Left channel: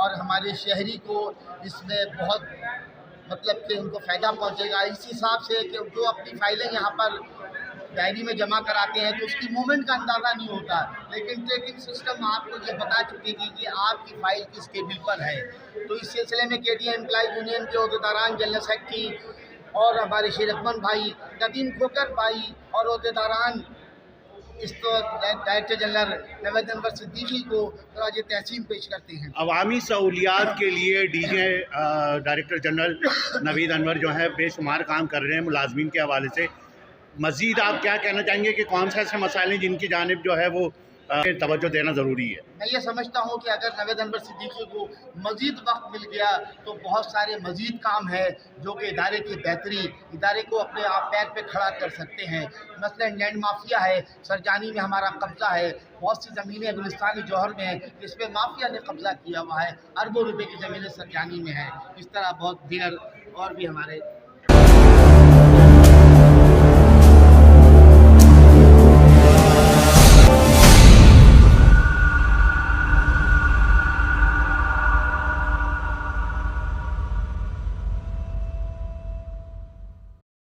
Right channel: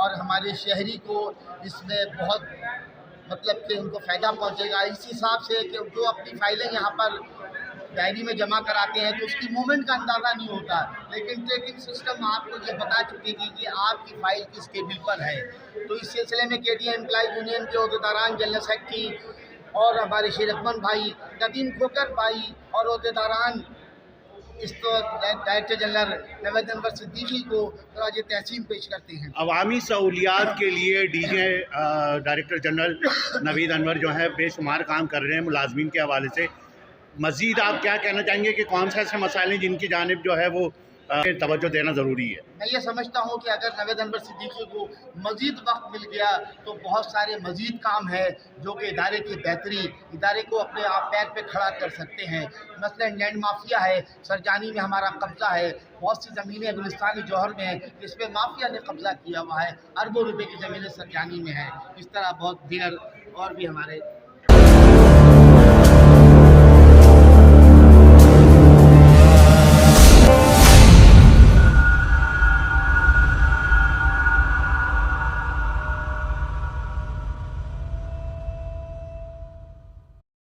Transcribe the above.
और हमारे शहरी को इसमें बहुत मतलब कि उनको फ़ायदा पहुंचेगा। इस हिसाब से कि जो अपनी फ़ाइलें यहाँ पर डायरी में जमा कराते हैं तो उसकी मूवमेंट का अंदाज़ा नहीं होता, लेकिन ट्रैकिंग सिस्टम आपको ये बता चुकेगी कि आपकी फ़ाइल किस टेबल पर है। तो इस सिलसिले में केटीए एम्प्लॉय यूनियन के अहदेदारान, जनरल सेक्रेटरी और हमारे शेरकमन भाई, नदीम खोकर भाई और अहदेदारान इस तो डायरेक्टर जनरल नवेद अनवर सिद्दीकी को खराज तहसीन पेश करते हैं। अवामी सहूलियात के लिए DJ director general Naveed Anwar जो है बेशुमार काम कर रहे हैं मुलाजमीन के हवाले से। मज़ीद आप क्या कहना चाहेंगे कि कौन से ऐसे मसाइल हैं जिनकी जानिब जो है वो तवज्जो देना ज़रूरी है? मैं ये समझता हूँ कि अगर नवेद अनवर सिद्दीकी को मज़ीद वक्त मिल गया तो बहुत सारे मज़ीद काम है जो कि इदारे की बेहतरी, इदारे को अपने आप पैर पे खड़ा कर सकते हैं। मसलन लैंड माफिया है, सरजानी में हमारा कब्ज़ा है, बहुत सी ज़मीनें गुलिस्तानी जौहर में हैं जिसमें माफिया ने कब्ज़ा किया हुआ है, अरबों रुपए की ज़मीनें सरजानी में हैं। इस तरह बहुत दीगर और भी हमारे